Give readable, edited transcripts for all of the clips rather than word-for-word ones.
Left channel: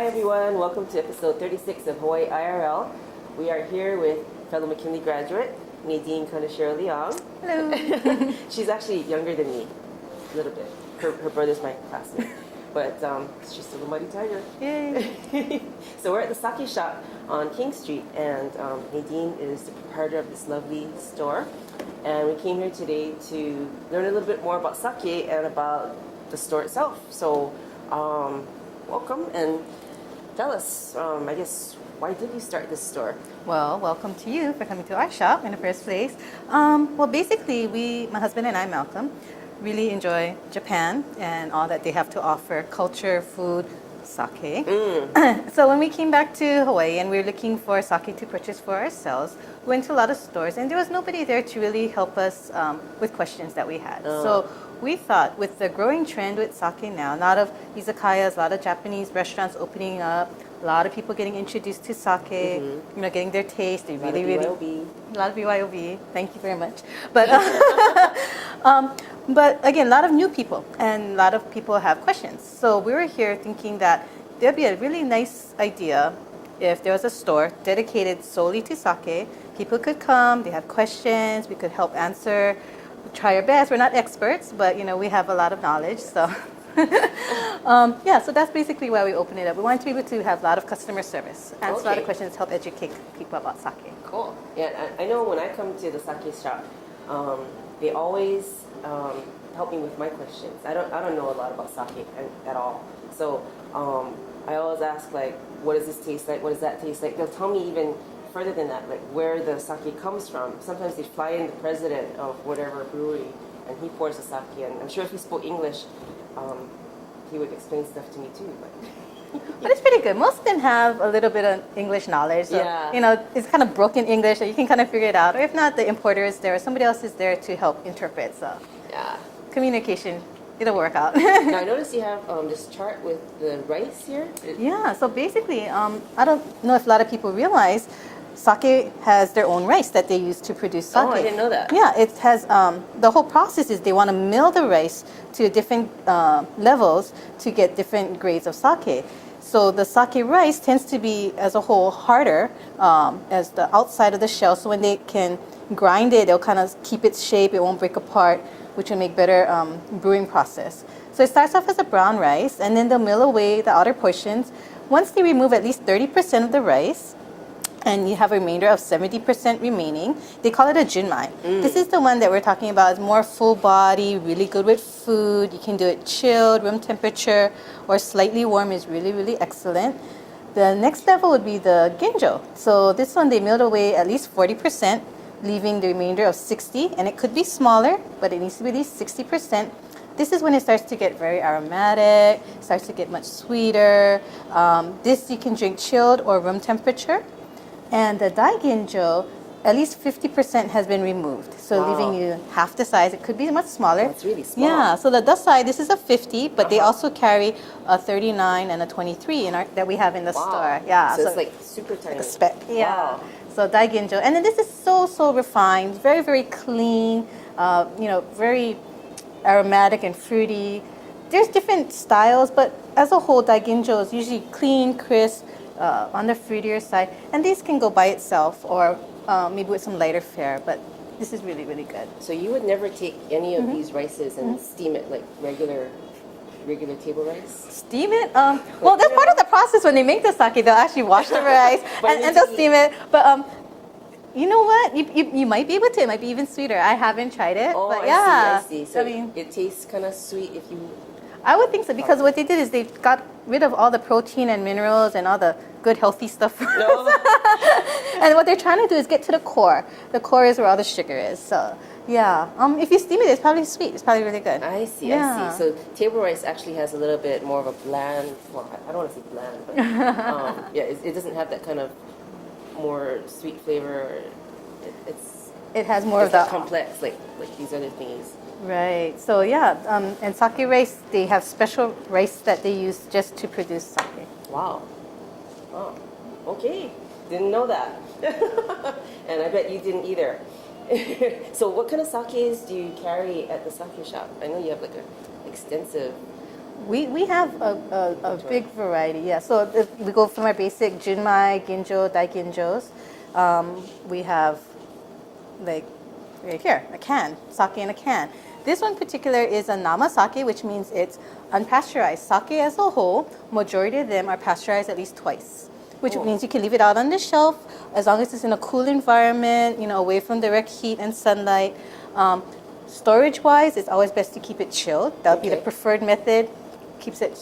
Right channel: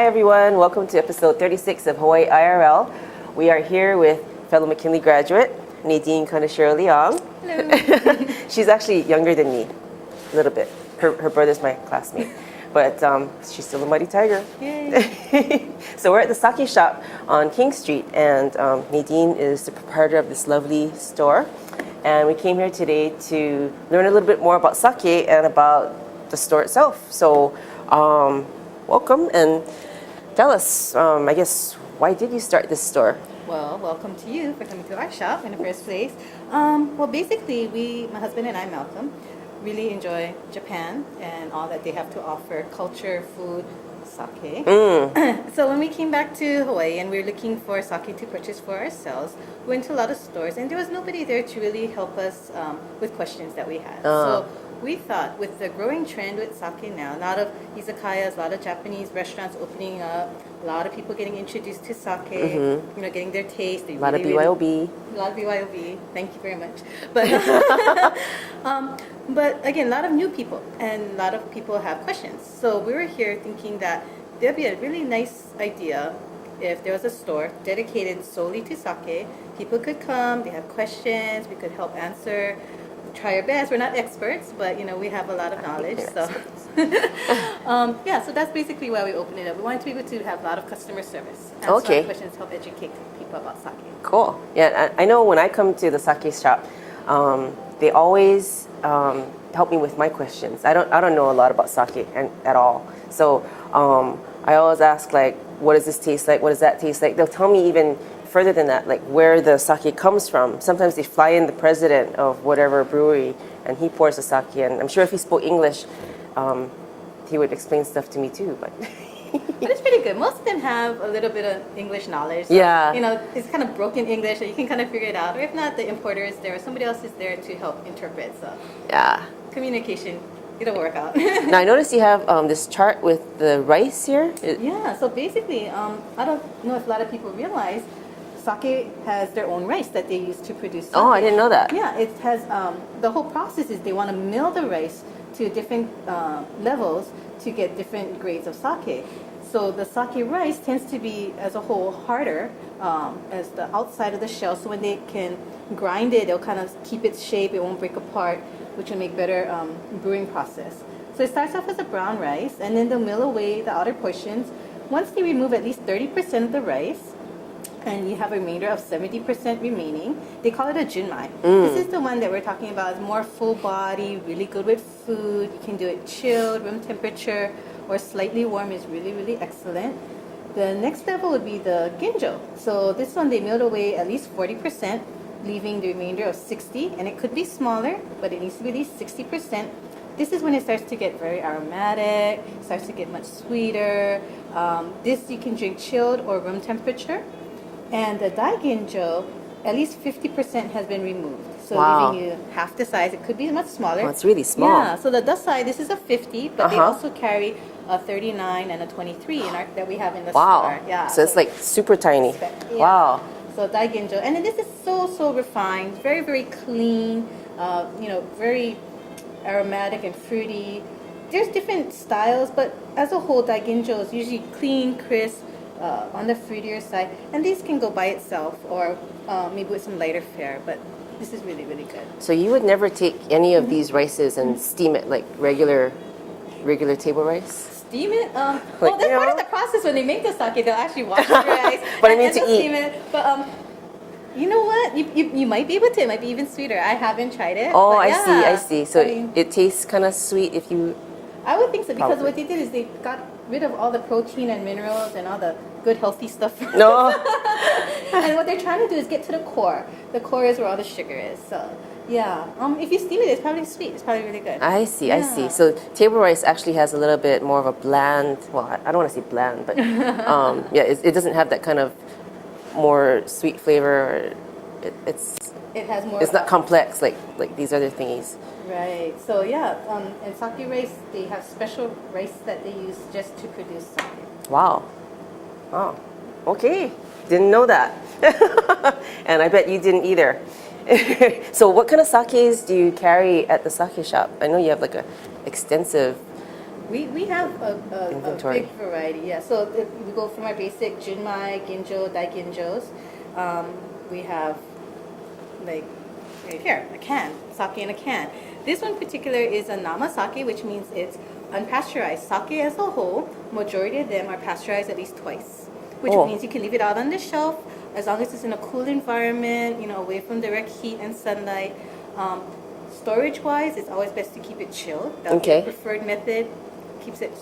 Hi everyone, welcome to episode 36 of Hawaii IRL. We are here with fellow McKinley graduate, Nadine Kanashiro-Leong. Hello. She's actually younger than me, a little bit. Her brother's my classmate, but she's still a mighty tiger. Yay. So we're at the sake shop on King Street, and Nadine is the proprietor of this lovely store. And we came here today to learn a little bit more about sake and about the store itself. So welcome and tell us, I guess, why did you start this store? Well, welcome to you for coming to our shop in the first place. Well, basically, my husband and I, Malcolm, really enjoy Japan and all that they have to offer, culture, food, sake. So when we came back to Hawaii and we were looking for sake to purchase for ourselves, we went to a lot of stores and there was nobody there to really help us with questions that we had. So we thought with the growing trend with sake now, a lot of izakayas, a lot of Japanese restaurants opening up, a lot of people getting introduced to sake, you know, getting their taste. A lot of BYOB. A lot of BYOB. Thank you very much. But but again, a lot of new people and a lot of people have questions. So we were here thinking that there'd be a really nice idea if there was a store dedicated solely to sake. People could come, they have questions, we could help answer, try our best. We're not experts, but you know, we have a lot of knowledge. So yeah, so that's basically why we opened it up. We wanted to be able to have a lot of customer service, answer a lot of questions, help educate people about sake. Cool. Yeah, I know when I come to the sake shop, they always help me with my questions. I don't know a lot about sake at all. So I always ask, like, what does this taste like? What does that taste like? They'll tell me even further than that, like where the sake comes from. Sometimes they fly in the president of whatever brewery and he pours the sake. And I'm sure if he spoke English, he would explain stuff to me too. But But it's pretty good. Most of them have a little bit of English knowledge. So, yeah. you know, it's kind of broken English, so you can kind of figure it out. Or if not, the importer is there, or somebody else is there to help interpret. So yeah, communication, it'll work out. now I noticed you have this chart with the rice here. Yeah, so basically, I don't know if a lot of people realize sake has their own rice that they use to produce sake. Oh, I didn't know that. Yeah, it has, the whole process is they want to mill the rice to different levels to get different grades of sake. So the sake rice tends to be, as a whole, harder as the outside of the shell. So when they can grind it, they'll kind of keep its shape, it won't break apart, which will make better brewing process. So it starts off as a brown rice, and then they'll mill away the outer portions. Once they remove at least 30% of the rice, and you have a remainder of 70% remaining, they call it a junmai. This is the one that we're talking about. It's more full body, really good with food. You can do it chilled, room temperature, or slightly warm is really, really excellent. The next level would be the ginjo. So this one, they milled away at least 40%, leaving the remainder of 60, and it could be smaller, but it needs to be at least 60%. This is when it starts to get very aromatic, starts to get much sweeter. This you can drink chilled or room temperature. And the daiginjo, at least 50% has been removed. So leaving you half the size. It could be much smaller. Oh, it's really small. Yeah, so the side, this is a 50, but they also carry a 39 and a 23 that we have in the store. Yeah, so it's like super tiny. Yeah. Wow. So daiginjo. And then this is so refined, very, very clean, you know, very aromatic and fruity. There's different styles, but as a whole, daiginjo is usually clean, crisp, on the fruitier side, and these can go by itself or maybe with some lighter fare, but this is really, really good. So you would never take any of these rices and steam it like regular table rice? Steam it? Well, that's part of the process. When they make the sake, they'll actually wash the rice and they'll steam it. But you know what? You might be able to. It might be even sweeter. I haven't tried it. Oh, but yeah. I see. So it tastes kind of sweet if you... I would think so, because what they did is they got rid of all the protein and minerals and all the good healthy stuff. No. And what they're trying to do is get to the core. The core is where all the sugar is. So yeah, if you steam it, it's probably sweet. It's probably really good. I see. So table rice actually has a little bit more of a bland. Well, I don't want to say bland, but yeah, it doesn't have that kind of more sweet flavor. It has more. It's not complex like these other thingies. Right. So yeah, and sake rice, they have special rice that they use just to produce sake. Wow. Oh, okay. Didn't know that. And I bet you didn't either. So what kind of sakes do you carry at the sake shop? I know you have like a extensive We have a Inventory. big variety, yeah. So we go from our basic junmai, ginjo, daiginjos. We have like right here, a can, sake in a can. This one in particular is a nama sake, which means it's unpasteurized. Sake as a whole, majority of them are pasteurized at least twice, which Oh. means you can leave it out on the shelf as long as it's in a cool environment, away from direct heat and sunlight. Storage-wise, it's always best to keep it chilled. That would be Okay. the preferred method. Keeps it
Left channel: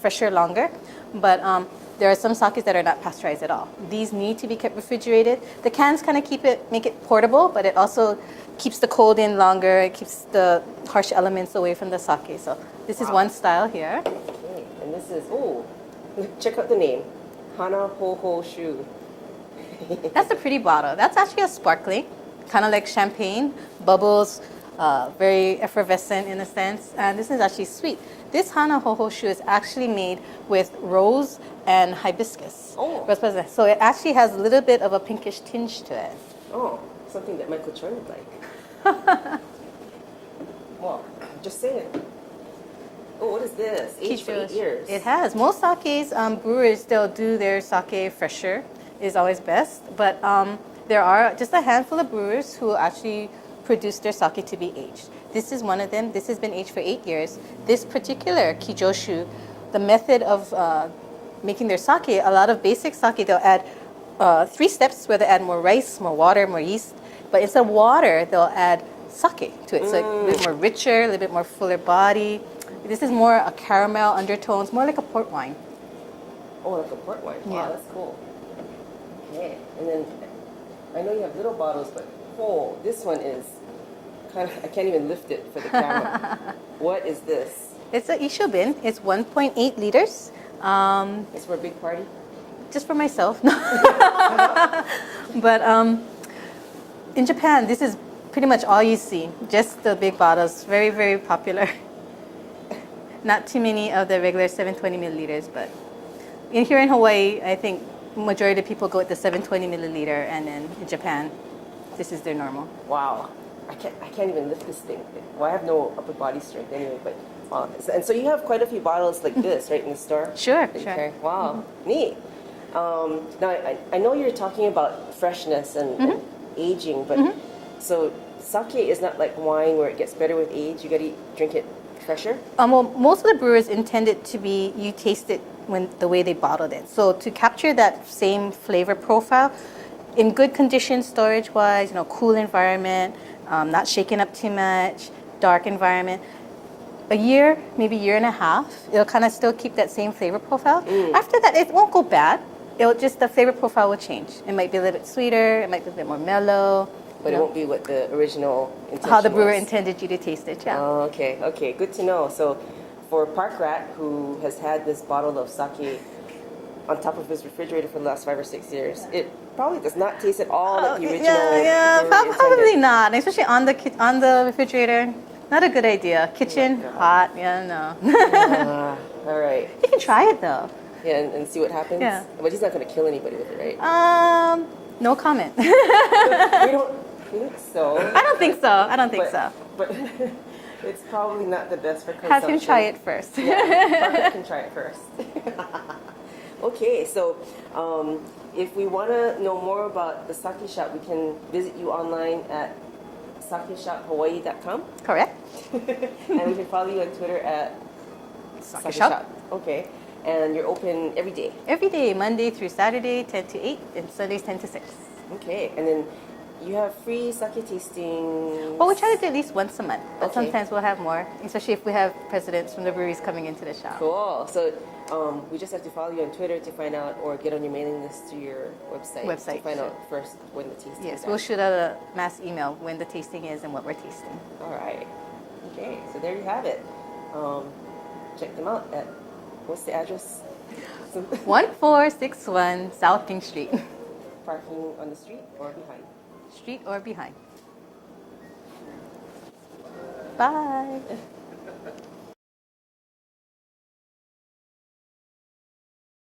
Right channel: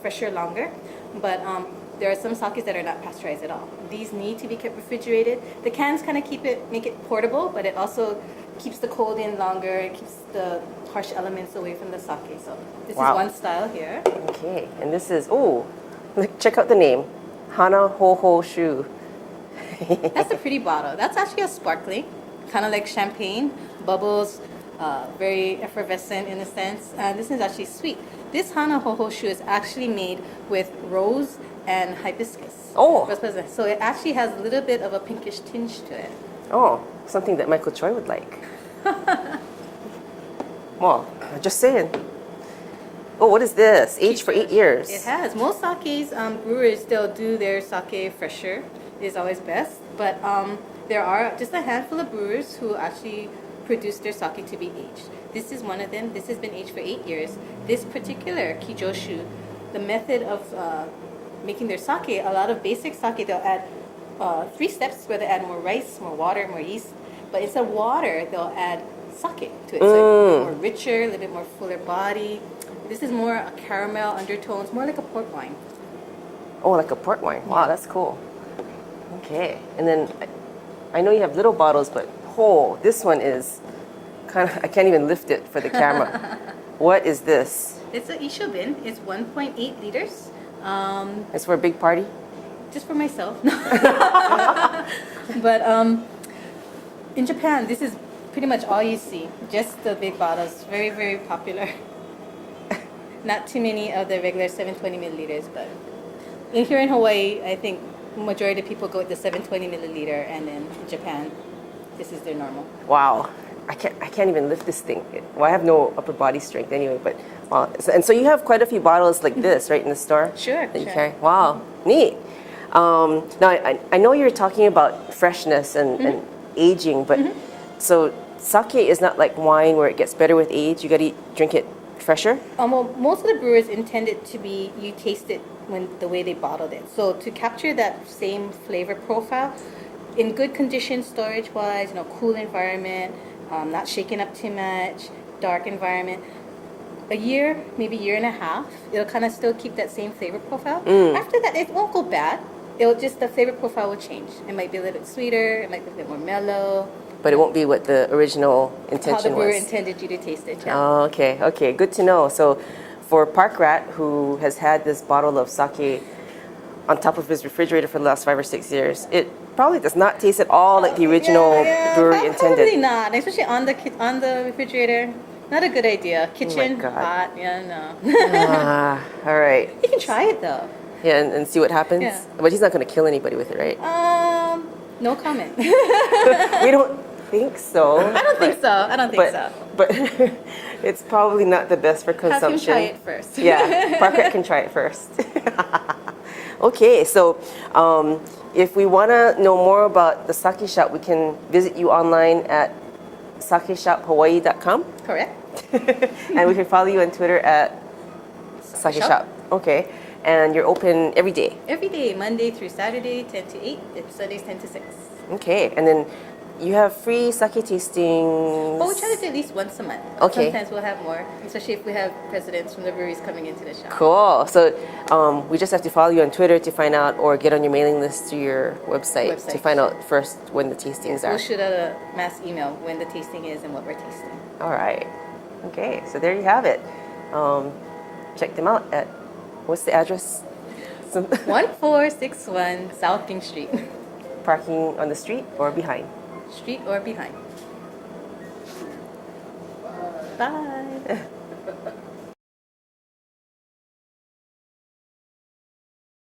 fresher longer. But there are some sakes that are not pasteurized at all. These need to be kept refrigerated. The cans kind of make it portable, but it also keeps the cold in longer. It keeps the harsh elements away from the sake. So this is Wow. one style here. Okay, and this is, check out the name. Hana Ho Ho Shu. That's a pretty bottle. That's actually a sparkling, kind of like champagne, bubbles, very effervescent in a sense. And this is actually sweet. This Hana Hohoshu is actually made with rose and hibiscus. Oh. So it actually has a little bit of a pinkish tinge to it. Oh, something that Michael Choi would like. Well, just saying. Oh, what is this? Aged for 8 years. It has. Most sakes, brewers still do their sake fresher. Is always best. But there are just a handful of brewers who actually produce their sake to be aged. This is one of them. This has been aged for 8 years. This particular kijoshu, the method of making their sake, a lot of basic sake, they'll add 3 steps where they add more rice, more water, more yeast. But instead of water, they'll add sake to it. So a little bit more richer, a little bit more fuller body. This is more a caramel undertones, more like a port wine. Oh, like a port wine. Wow, Yeah. that's cool. Okay, and then I know you have little bottles, but this one is kind of, I can't even lift it for the camera. What is this? It's a ishobin. It's 1.8 liters. It's for a big party? Just for myself. But in Japan, this is pretty much all you see. Just the big bottles. Very, very popular. Not too many of the regular 720 milliliters, but here in Hawaii, I think majority of people go with the 720 milliliter, and then in Japan, this is their normal. Wow, I can't even lift this thing. Well, I have no upper body strength anyway, but wow. And so you have quite a few bottles like this, right, in the store? Sure, that you sure. carry? Wow, neat. Now, I know you're talking about freshness and aging, but so sake is not like wine where it gets better with age. You got to drink it fresher? Well, most of the brewers intend it to be, you taste it when the way they bottled it. So to capture that same flavor profile, in good conditions, storage-wise, cool environment, not shaken up too much, dark environment, a year, maybe year and a half, it'll kind of still keep that same flavor profile. After that, it won't go bad. It'll just, the flavor profile will change. It might be a little bit sweeter, it might be a bit more mellow. But it won't be what the original intention How the brewer was. intended you to taste it, yeah. Oh, okay, good to know. So for Park Rat, who has had this bottle of sake on top of his refrigerator for the last 5 or 6 years, it probably does not taste at all like the original brewery intended. Probably not, especially on the refrigerator. Not a good idea. Kitchen, God. hot, yeah, no. All right. You can try it though. Yeah, and see what happens. Yeah. But he's not going to kill anybody with it, right? No comment. We don't think so. I don't think so. But it's probably not the best for consumption. Have him try it first. Yeah, Parker can try it first. Okay, so if we want to know more about the sake shop, we can visit you online at sakeshophawaii.com. Correct. And we can follow you on Twitter at Sake Shop. Shop. Okay, and you're open every day. Every day, Monday through Saturday, 10 to 8, and Sundays 10 to 6. Okay, and then you have free sake tastings. Well, we try to do at least once a month. Okay. Sometimes we'll have more, especially if we have presidents from the breweries coming into the shop. Cool. So we just have to follow you on Twitter to find out, or get on your mailing list through your website to find out first when the tastings Yes, are. we'll shoot out a mass email when the tasting is and what we're tasting. All right. Okay, so there you have it. Check them out at, what's the address? 1461 South King Street. Parking on the street or behind? Street or behind. Bye.